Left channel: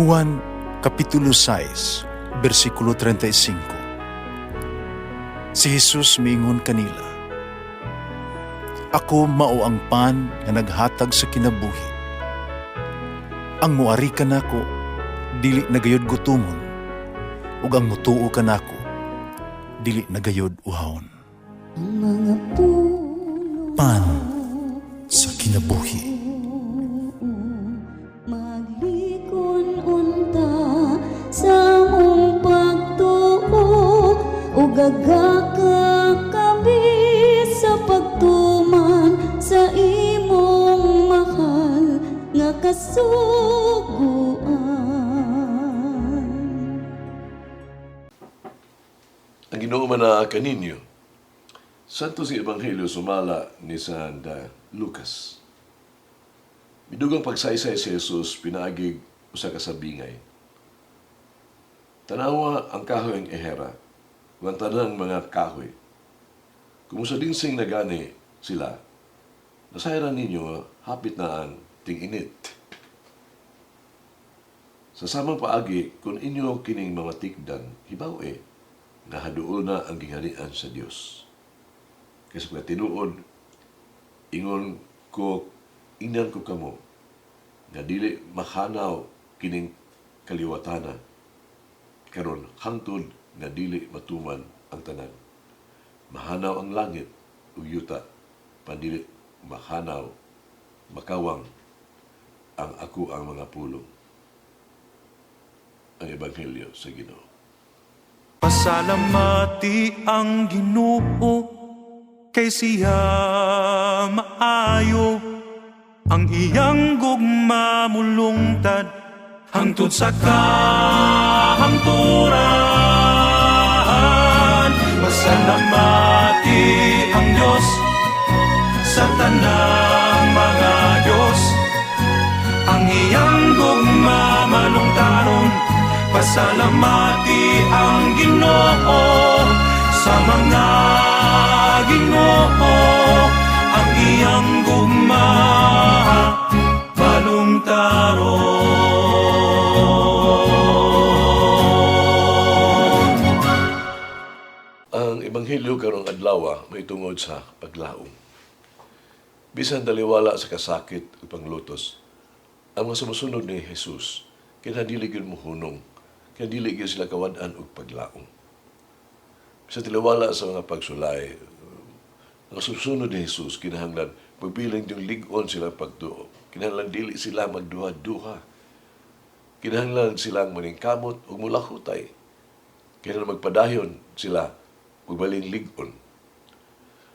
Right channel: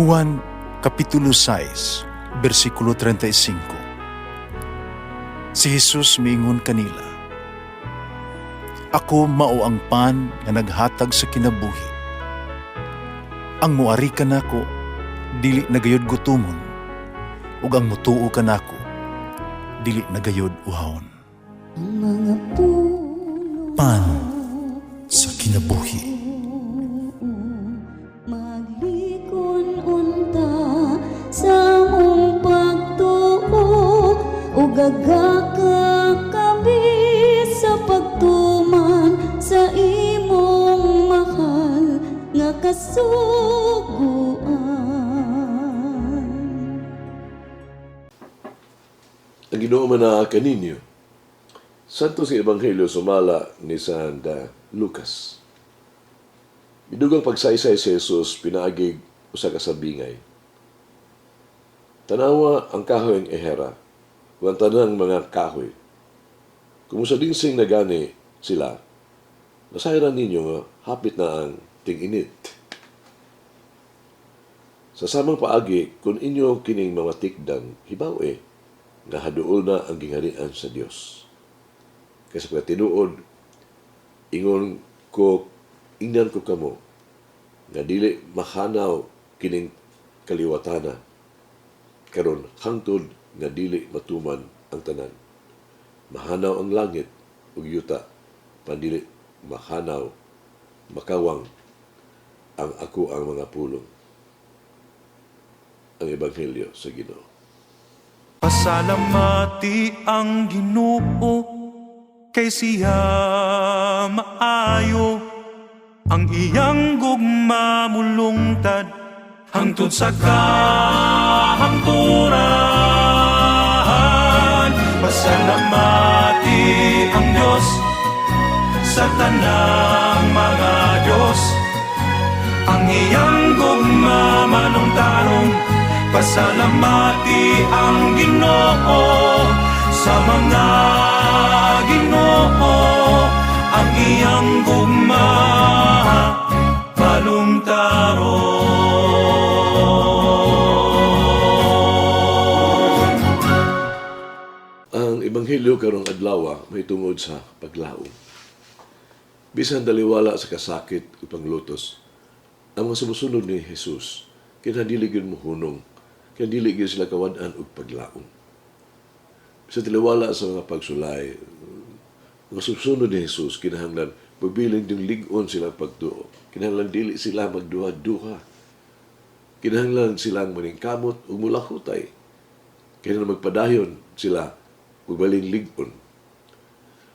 Juan Kapitulo 6, versikulo 35. Si Jesus miingon kanila, "Ako mao ang pan nga naghatag sa kinabuhi. Ang muari kanako dili nagayod gutomon, ug ang mutuo kanako dili nagayod uhawon." Ang mga puno Pan sa kinabuhi. maglikon unta sa mong pagtuo o gagaka kami sa pagtuman sa imong mahal nga kasuguan. Ang Ginoo man na kaninyo, santo si Ebanghelyo sumala ni San Lucas. Bidugang pagsaysay si Jesus pinaagig usa ka sabingay. Tanawa ang kahoy ang ehera, ang tanang mga kahoy. Kumusta din sing nagani sila, nasayran ninyo nga hapit na ang ting-init. Sa samang paagi, kung inyo kining mamatikdan, hibaw nga haduol na ang gingharian sa Dios. Kasi pag tinuod, ingnan ko kamo, nga dili mahanaw kining kaliwatana, karon hangtod nga dili matuman ang tanan. Mahanaw ang langit ug yuta, pandili mahanaw, makawang ang ako ang mga pulong. Ang Ebanghelyo sa Ginoo. Pasalamati ang Ginoo kay siya maayo, ang iyang gugma mulungtad hangtod sa kahangturan. Pasalamati ang Diyos sa tanang mga Diyos, ang iyang gugma malungtaron. Pasalamati ang Ginoo sa mga Ginoo, ang iyang gugma balungtaron. Ang Ebanghelyo karong adlaw may tungod sa paglaom. Bisan daliwala sa kasakit o panglutos, ang mga sumusunod ni Jesus, kinadili gyud mohunong, kinadili gyud sila kawad-an og paglaom. Bisan daliwala sa mga pagsulay, mga sumusunod ni Jesus, kinahanglan pagbilang yung lig-on sila pagtuo. Kinahanglan dili sila magduha-duha. Kinahanglan silang maningkamot o mulakutay. Kinahanglan magpadayon sila pagbaling lig-on.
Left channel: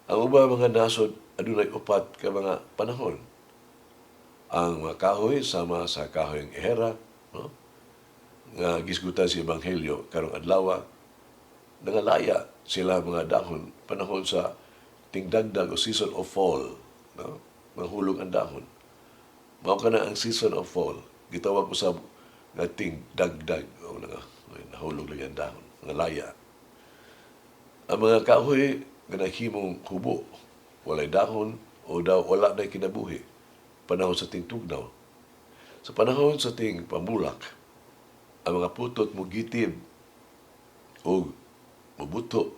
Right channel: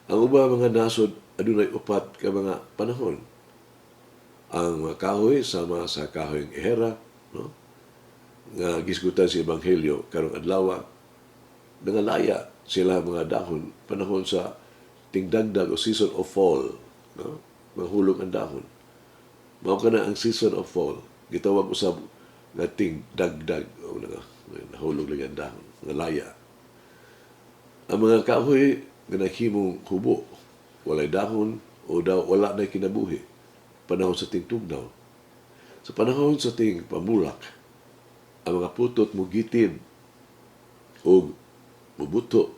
Ang uba mga nasod, adunay upat ka mga panahon. Ang mga kahoy sama sa kahoy ng ehera, no? Nga gisgutan si Ebanghelyo karong adlaw, nangalaya sila mga dahon panahon sa tingdagdag o season of fall, no? Mahulog ang dahon. Mao kana ang season of fall, gitawag usab nga tingdagdag o nahulog lang ang dahon, nangalaya. Ang mga kahoy nga nahimong hubo, walay dahon o wala na kinabuhi, panahon sa tingtugnaw. Sa panahon sa ting pamulak, ang mga putot mugitin o mubuto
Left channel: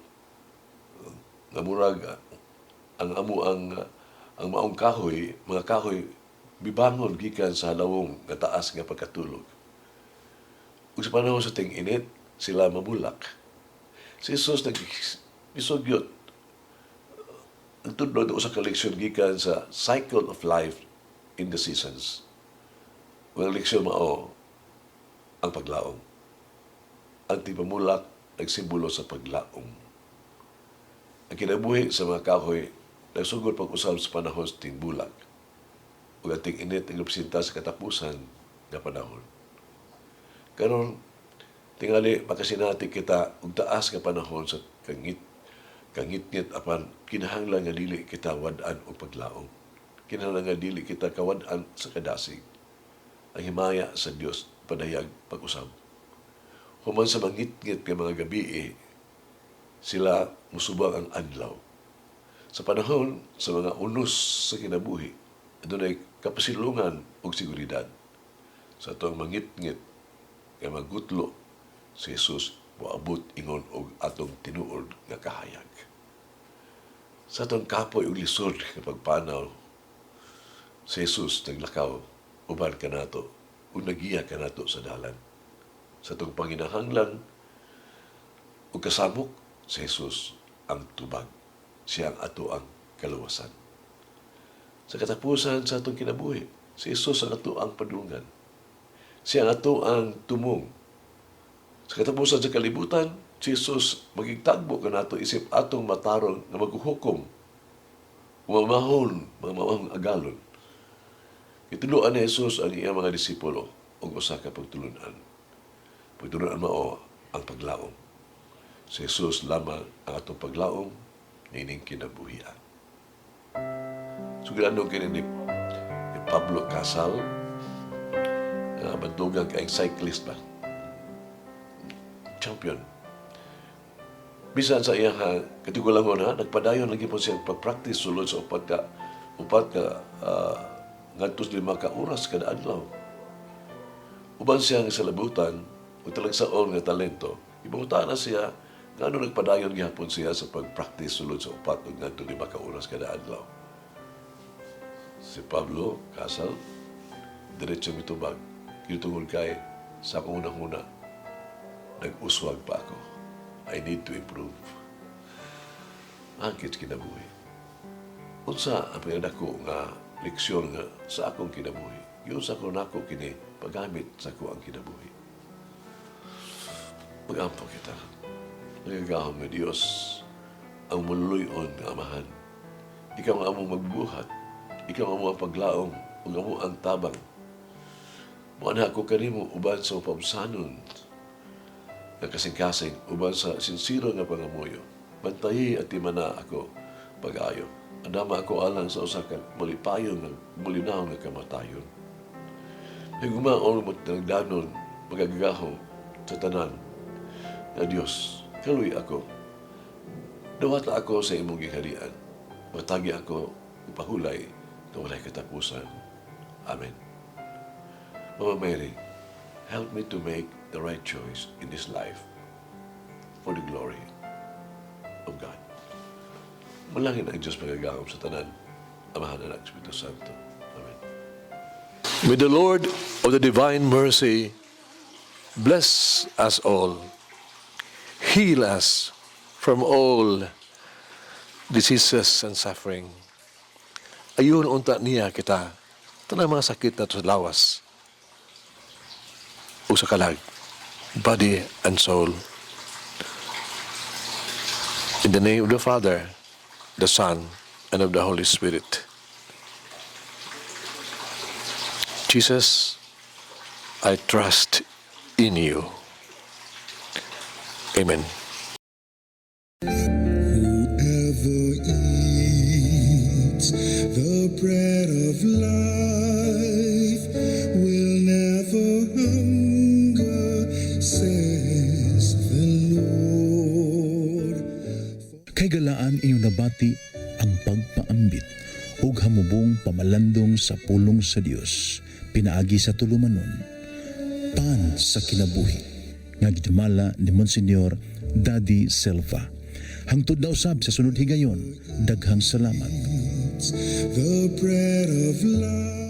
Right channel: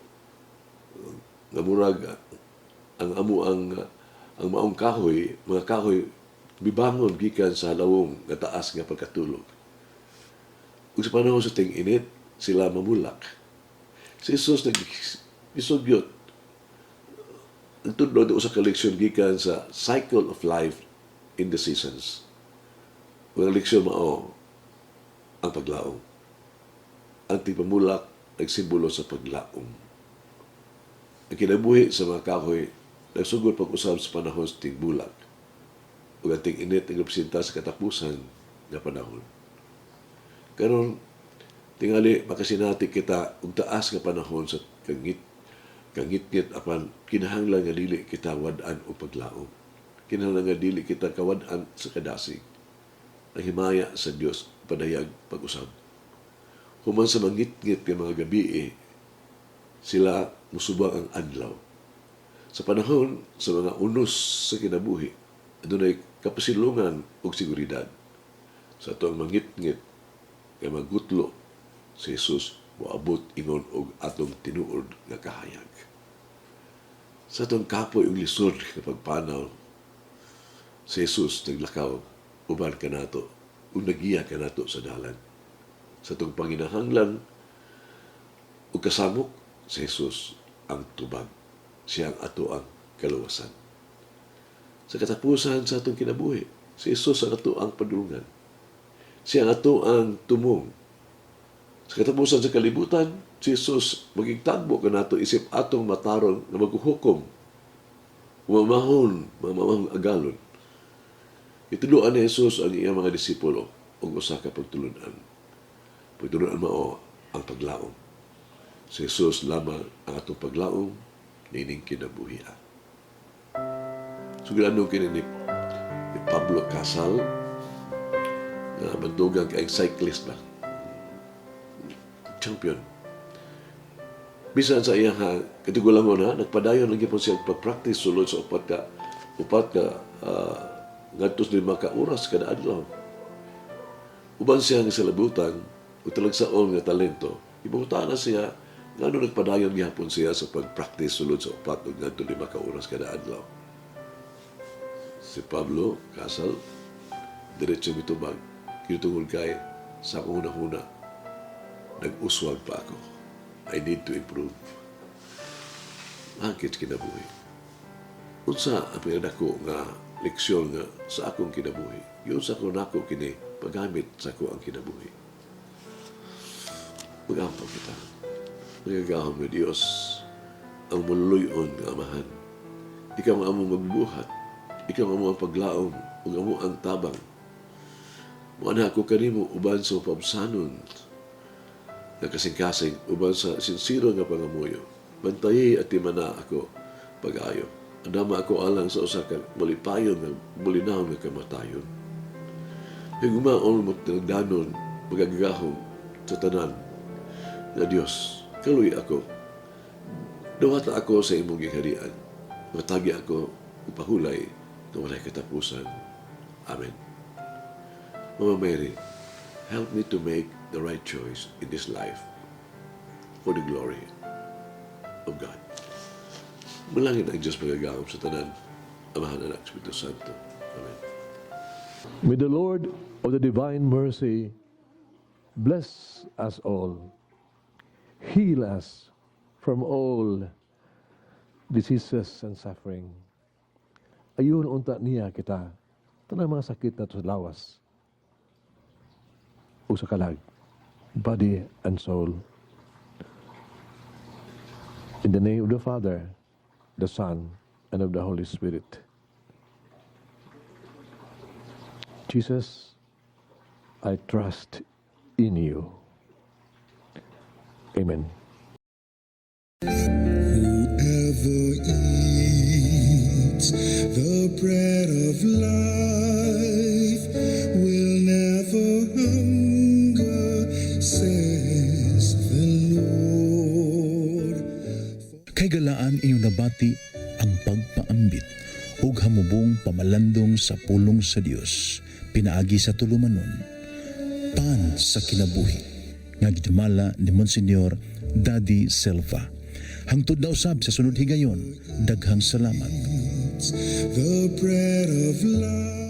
nga murag ang maong kahoy, mga kahoy bibangon gikan sa halawong nga taas nga pagkatulog. Ug sa panahon sa ting-init, sila mamulak. Si Jesus nag-isugyot ang tudlo usa ka leksyon gikan sa cycle of life in the seasons. Ang leksyon mao ang paglaom. Ang tigpamulak ay simbolo sa paglaom. Ang kinabuhi sa mga kahoy nagsugod pag-usab sa panahon sa tingbulak ug ang ting-init ang representa sa katapusan nga panahon. Karon tingali makasinati kita og taas nga panahon sa kangit-ngit apan kinahanglan nga dili kita wad-an og paglaom. Kinahanglan nga dili kita kawad-an sa kadasig. Ang himaya sa Dios padayag pag-usab. Human sa mangit-ngit nga mga gabi, sila musubang ang adlaw. Sa panahon sa mga unos sa kinabuhi, adunay kapasilungan ug seguridad. Sa atong mangit-ngit kay magutlo si Jesus moabot ingon og atong tinuod nga kahayag. Sa atong kapoy ug lisod nga pagpanaw, si Jesus naglakaw uban kanato ug nagiya kanato sa dalan. Sa atong panginahanglan ug kasamok, si Jesus ang tubag. Siya ang ato ang kaluwasan. Sa katapusan sa atong kinabuhi, si Jesus ang ato ang padulungan. Siya ang ato ang tumong. Sa katapusan sa kalibutan, si Jesus magigtagbo ka nato isip atong matarong na maghuhukom, mamahon agalon. Ituluan ni Jesus ang iyang mga disipulo og usa ka pagtulunan. Pagtulunan mao ang paglaom. Si Jesus lamang ang atong paglaom nining kinabuhian. Sugilano kini ni Pablo Casal na magdugang kay cyclist ba? Champion. Bisan sa iya katigulangon nagpadayon lagi po siya pag-practice sulod sa upat ka ngadtos 5 ka oras kada adlaw. Uban siya nga salabutan ug talagsaon nga talento. Ibuta na siya ngano nagpadayon gihapon siya sa pag-practice sulod sa upat ug ngadto 5 ka oras kada adlaw. Si Pablo Casal diretso mitubag kitungod kay sa una-una nag-uswag pa ako. I need to improve. Angkit kinabuhi. Unsa ang pinadako nga leksyon nga sa akong kinabuhi. Yun sa ako nako kini paggamit sa ako ang kinabuhi. Mag-ampaw kita. Nagagahon mo Diyos ang mululuyon nga amahan. Ikaw ang among magbuhat. Ikaw ang among paglaom ug amo ang tabang. Mao ako kanimo uban sa pabsanon nga kasing-kasing uban sa sinsiro nga pangamuyo. Bantayi at timana ako pag-ayo. Adama ako alang sa usa ka malipayon nga mulinaw nga kamatayon. Higumaon mo tinagdanon magagahom sa tanan na Dios. Kaluy ako. Duwata ako sa imong giharian. Matagi ako upahulay na walay katapusan. Amen. Mama Mary, help me to make the right choice in this life for the glory of God. Malangin ang Diyos magagahom sa tanan, Amahan, Anak, Espiritu Santo. Amen. May the Lord of the divine mercy bless us all, heal us from all diseases and suffering. Ayun unta niya kita, tanang mga sakit na sa lawas, o sa kalag, body and soul. In the name of the Father, the Son, and of the Holy Spirit. Jesus, I trust in you. Amen. Whoever eats the bread of life will never hunger, says the Lord. Kay galaan inyong nabati ang pagpaambit ug hamubong pamalandong sa pulong sa Dios pinaagi sa tulumanon pan sa kinabuhi nga gidumala ni Monsignor Daddy Silva. Hangtod na usab sa sunod higayon, daghang salamat. The bread of life.